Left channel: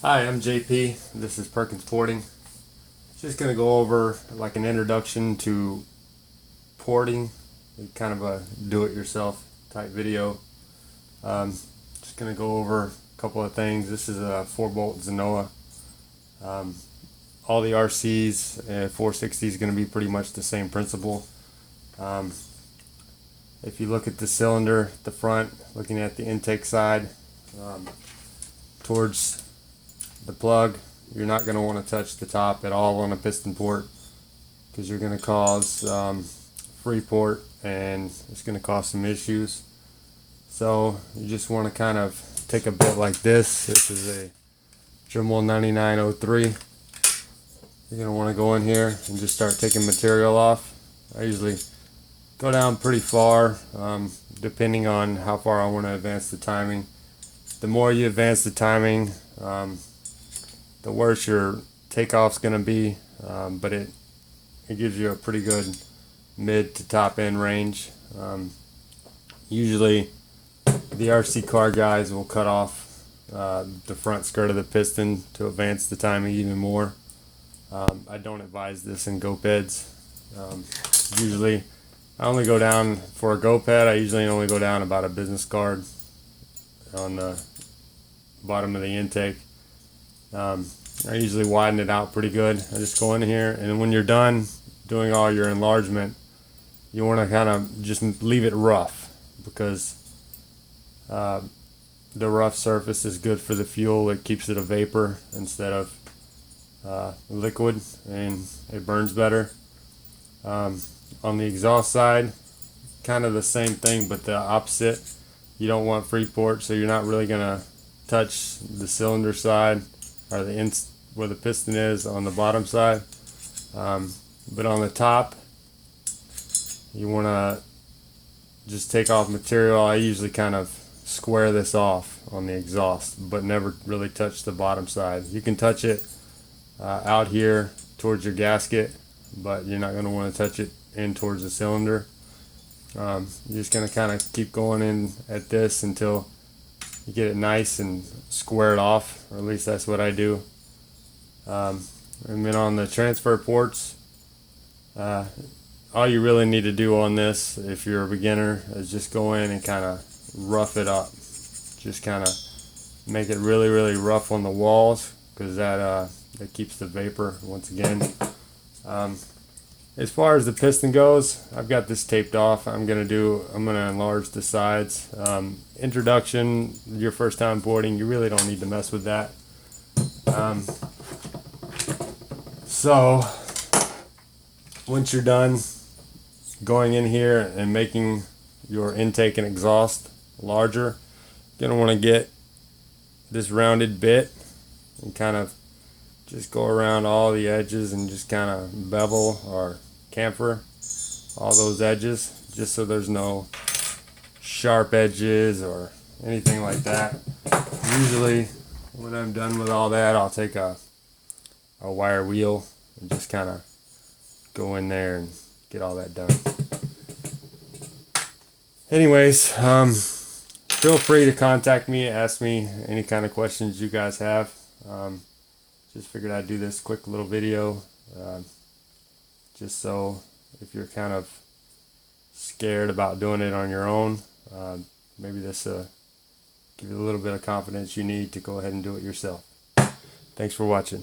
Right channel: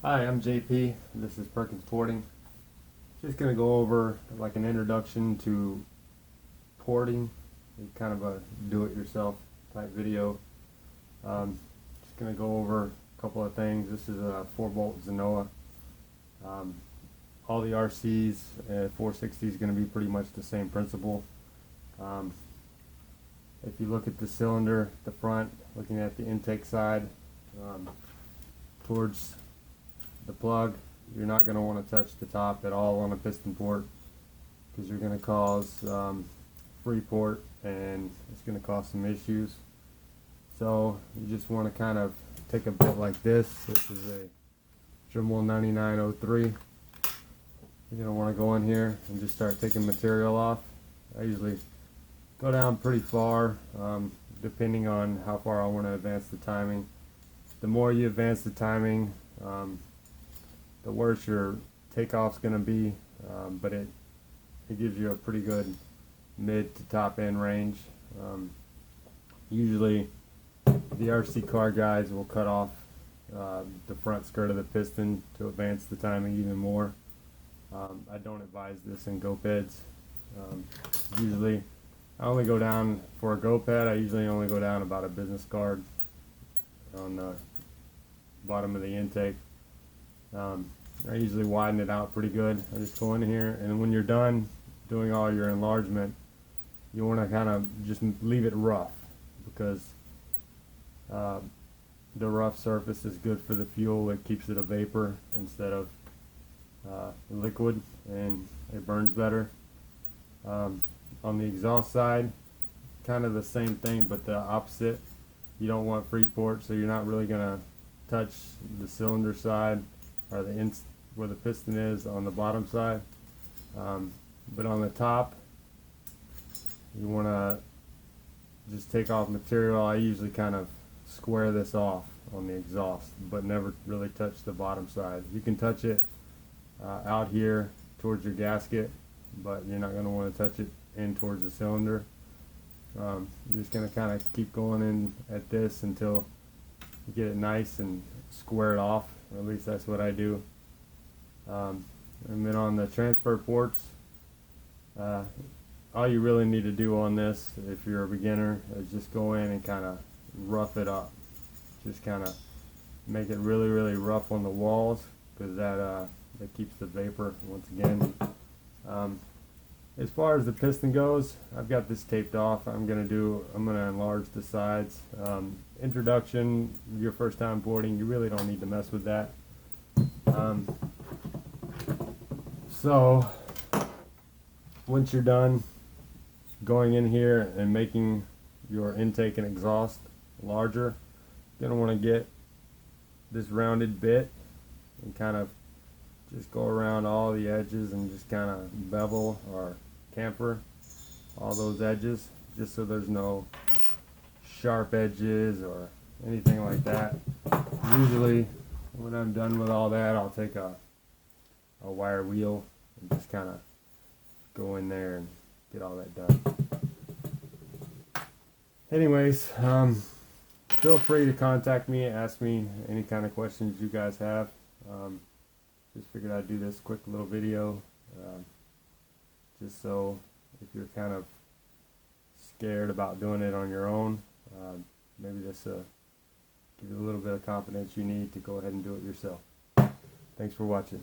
Hi, I'm JP. This is Perkins Porting. Just going to go over like an introduction to porting, kind of a do-it-yourself type video. Just going to go over a couple of things. This is a 4-bolt Zenoa. All the RCs, 460 is going to be pretty much the same principle. If you look at the cylinder, the front, looking at the intake side, towards the plug, you're not going to want to touch the top at all on a piston port, because you're going to cause free port and it's going to cause some issues. So you just want to kind of take a bit like this. This is a Dremel 9903. You're going to want to go in here and just start taking material off. I usually go down pretty far, depending on how far I want to advance the timing. The more you advance the timing, the worse your takeoff's going to be, but it gives you a pretty good mid to top end range. Usually the RC car guys will cut off the front skirt of the piston to advance the timing even more. I don't advise this in go beds. Usually I only go down for a go pad. I usually only go down about a business card on the bottom of the intake. I usually widen it out pretty good. I just go in here, and when you're done doing all your enlargement, you want to kind of just leave it rough, because the rough surface is good for the fuel. It keeps it a vapor instead of liquid, and it burns better. On the exhaust side, kind of the same thing, but the opposite. You don't want free port, so you're not really going to touch the cylinder side or the where the piston is on the bottom side, but on the top you want to just take off material. I usually kind of square this off on the exhaust, but never really touch the bottom side. You can touch it out here towards your gasket, but you're not going to want to touch it in towards the cylinder. You're just going to kind of keep going in at this until you get it nice and squared off, or at least that's what I do. And then on the transfer ports, all you really need to do on this, if you're a beginner, is just go in and kind of rough it up. Just kind of make it really, really rough on the walls, because that keeps the vapor once again. As far as the piston goes, I've got this taped off. I'm gonna enlarge the sides. Introduction, your first time boarding, you really don't need to mess with that. So once you're done going in here and making your intake and exhaust larger, you're gonna want to get this rounded bit and kind of just go around all the edges and just kind of bevel or chamfer all those edges, just so there's no sharp edges or anything like that. Usually when I'm done with all that, I'll take a wire wheel and just kind of go in there and get all that done. Anyways, feel free to contact me, ask me any kind of questions you guys have. Just figured I'd do this quick little video, just so if you're kind of scared about doing it on your own, maybe this give you a little bit of confidence you need to go ahead and do it yourself. Thanks for watching.